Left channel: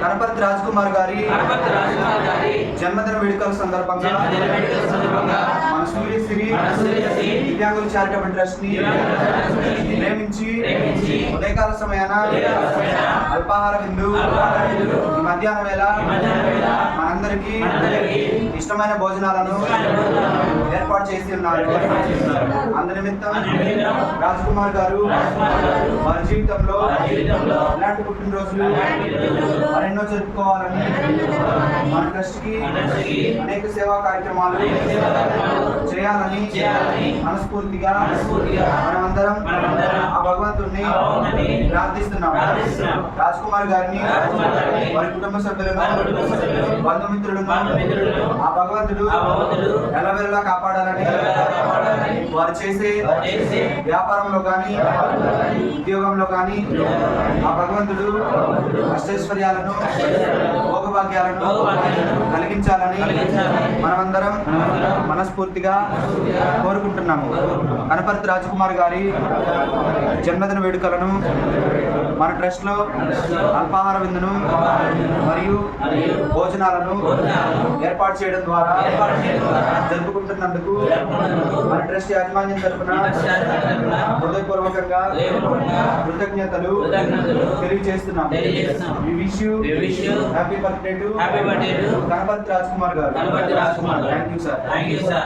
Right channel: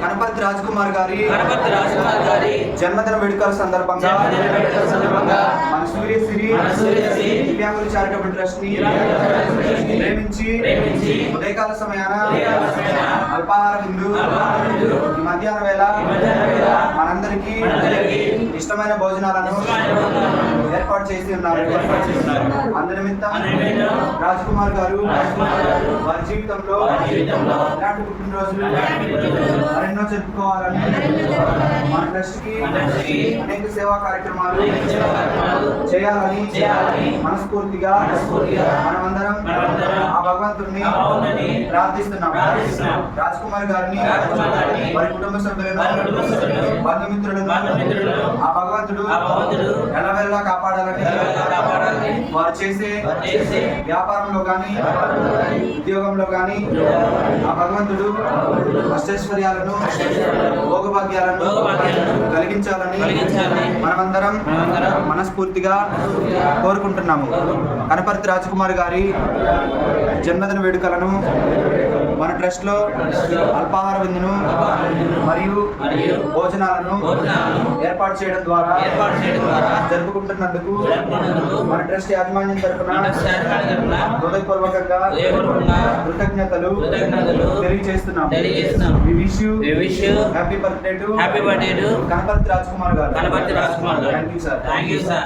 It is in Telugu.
కనపర్తి రాజ్ కుమార్ గారి జన్మదిన వేడుకల సందర్భంగా మన సూర్యశ్రీ దివ్యాంగుల చారిటబుల్ ట్రస్ట్ ని ప్రేమించి ఉదయకాల సమయాన అల్పాహార విందు ఈ మధ్యాహ్న వేళ మనందరికీ ఇష్టమైన భోజనాలను ఏర్పాటు చేసి ఉన్నారు. అందునిమిత్తం రాజ్ కుమార్ గారు వారి జీవితంలో ఇలాంటి పుట్టినరోజులు మరెన్నో జరుపుకోవాలని మన ట్రస్ట్ కి అనేక సేవా కార్యక్రమాలు చేయాలని మనస్ఫూర్తిగా మనమందరం ఆ భగవంతుడిని ప్రార్థిస్తున్నాము. రాజ్ కుమార్ గారిని వారి కుటుంబ సభ్యులను బంధుమిత్రులను ఆ భగవంతుడు ఎల్లవెల్లా కాపాడాలని వారు చేసే వ్యాపారంలో కానీ ఉద్యోగంలో కానీ ఆ భగవంతుడు అష్టైశ్వర్యాలను భోగభాగ్యాలను కలిగించాలని మనమందరం మనస్ఫూర్తిగా కోరుకుంటున్నాము. కనపర్తి రాజ్ కుమార్ గారి జన్మదిన వేడుకలను మన ట్రస్ట్లో అల్పాహార విందును మరియు భోజనాలను ఏర్పాటు చేయడం ద్వారా జరుపుకుంటున్నందుకు మన ట్రస్ట్ యాజమాన్యం తరఫున హృదయపూర్వకంగా కృతజ్ఞతలు తెలియజేస్తున్నాం. We wish you happy birthday to Kanaparthi Raj Kumar గారు. Thank you, sir.